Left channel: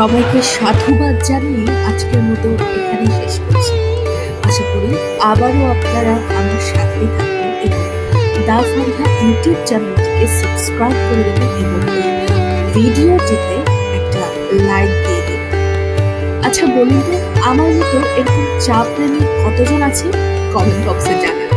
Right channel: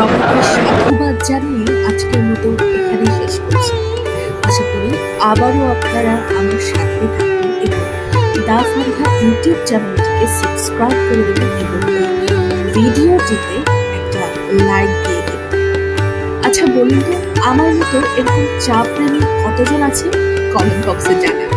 সবাইকে সাধুবাদ জানিয়ে আজকের মতো এখানে শেষ করছি। আশা করি আবারও আপনারা আমার সাথে থাকবেন এবং দা ফারিহা ইউটিউব চ্যানেলটিকে সাবস্ক্রাইব করে দেবেন এবং এই ভিডিওটিতে একটা লাইক দিয়ে দেবেন। আচ্ছা বলুন তো, আমার মতো এরকম চা প্রেমী কতজন আছে? কমেন্ট বক্সে জানান।